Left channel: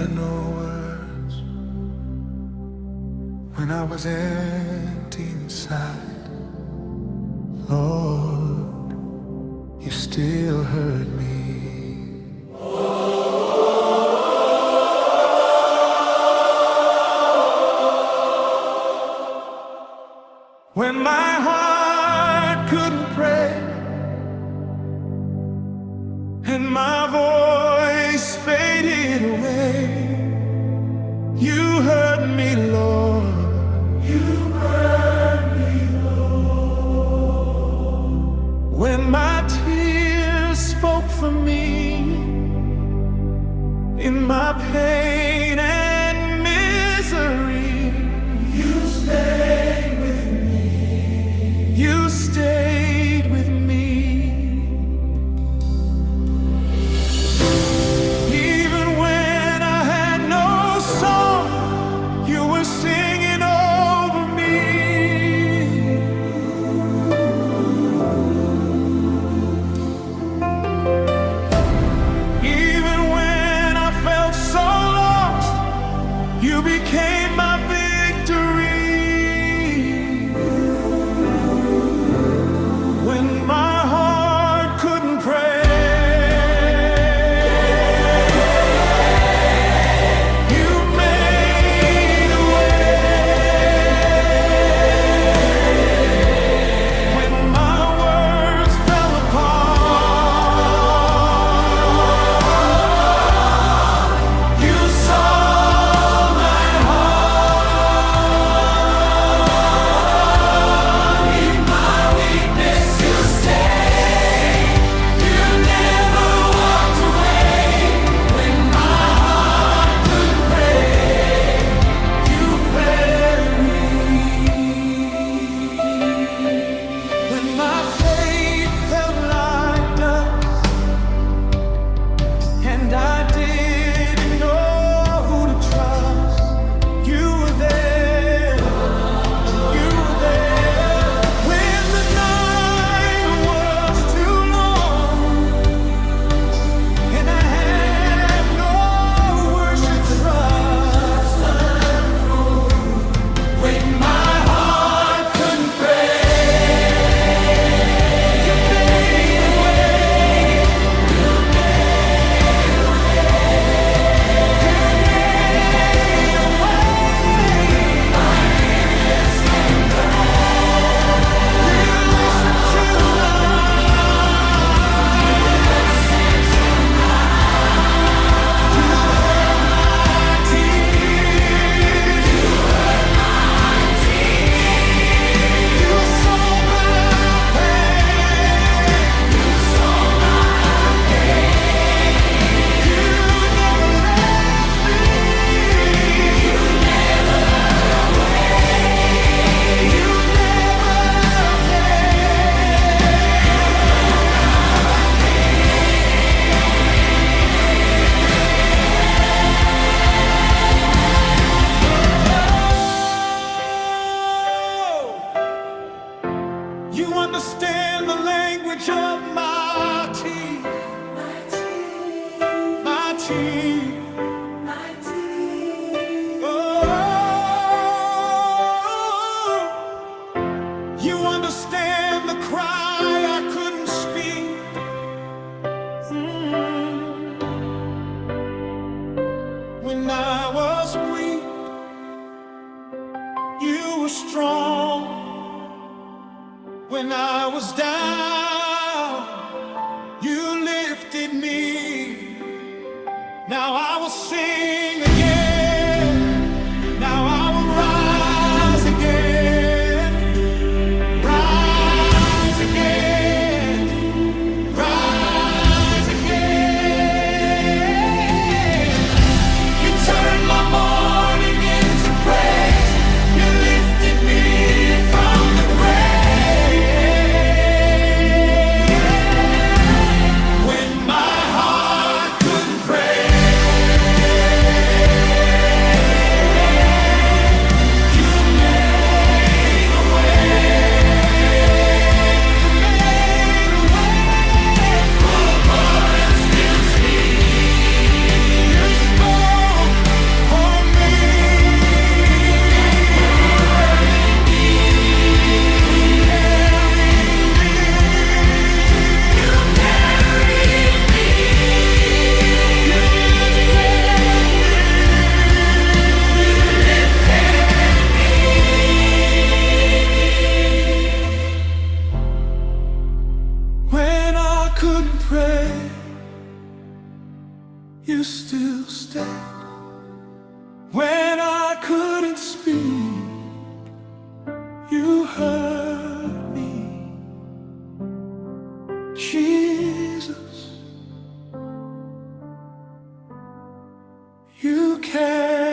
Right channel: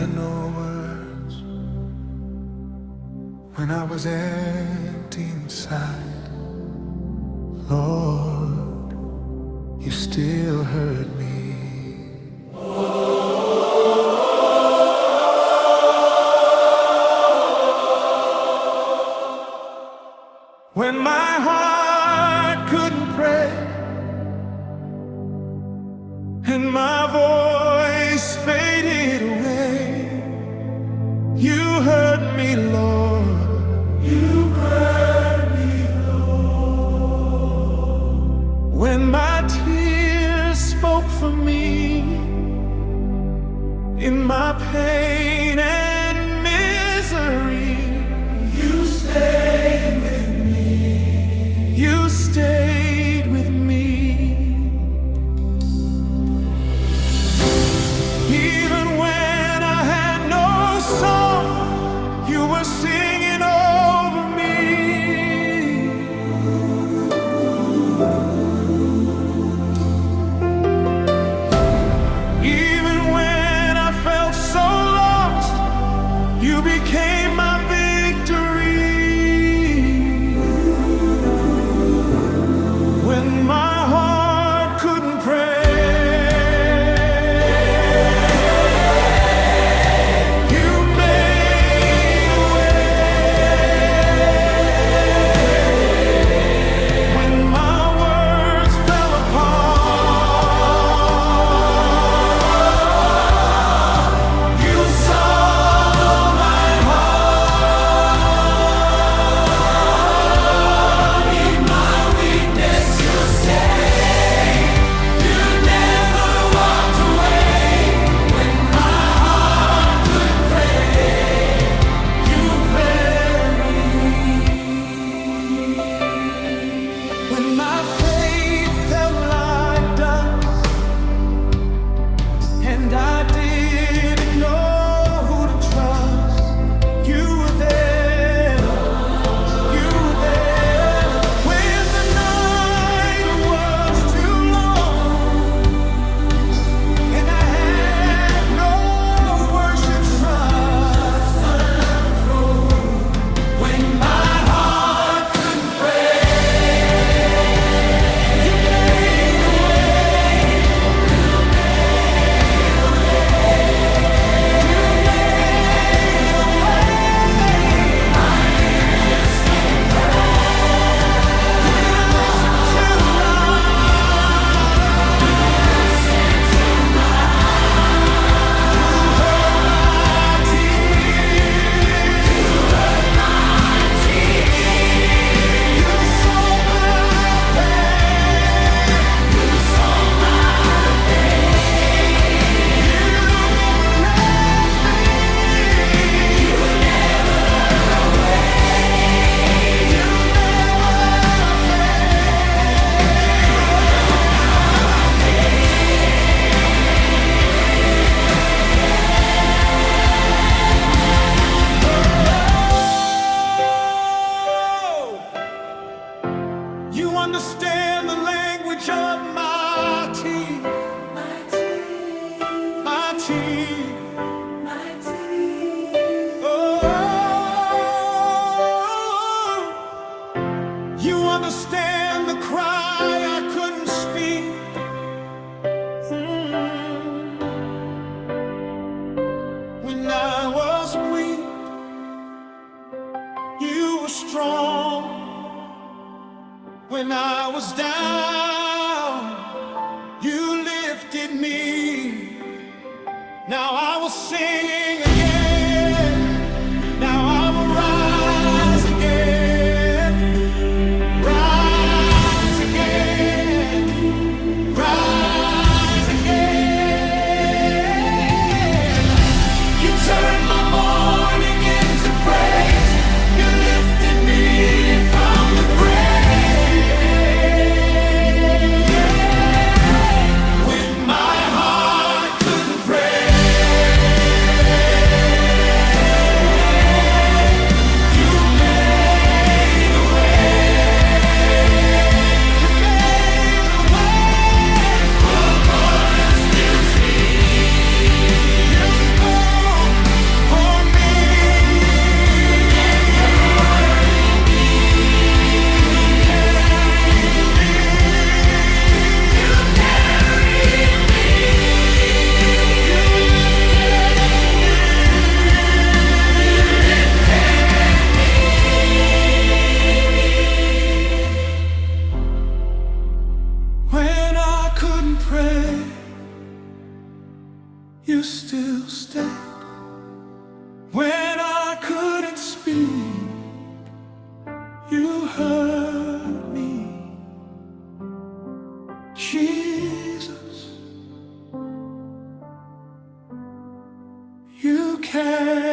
had no words, when I was empty inside, Lord, you still heard me. When my heart couldn't pray and my voice faded away, you heard me, Lord. You heard me, Lord. When my tears spoke for me in my pain and misery, you stayed with me. You stayed with me. Even when I had no song, you were singing over me. Even when I felt so lost, you became my victory. When my heart couldn't pray, when my faith felt like dust and I didn't know who to trust, you were there, you were there. When the night was too long and I had no words to trust, when my you understand the language of my tears, my tears. Oh, you understand the cry I couldn't speak. When I was weak, you were strong. When I was down, you lifted me. Now I will sing again. Now I will rise again. Rise again. Rise again. You turned my mourning into praise. You lifted me from the grave. away, you still stayed. When I couldn't speak, you heard me. Jesus, you care.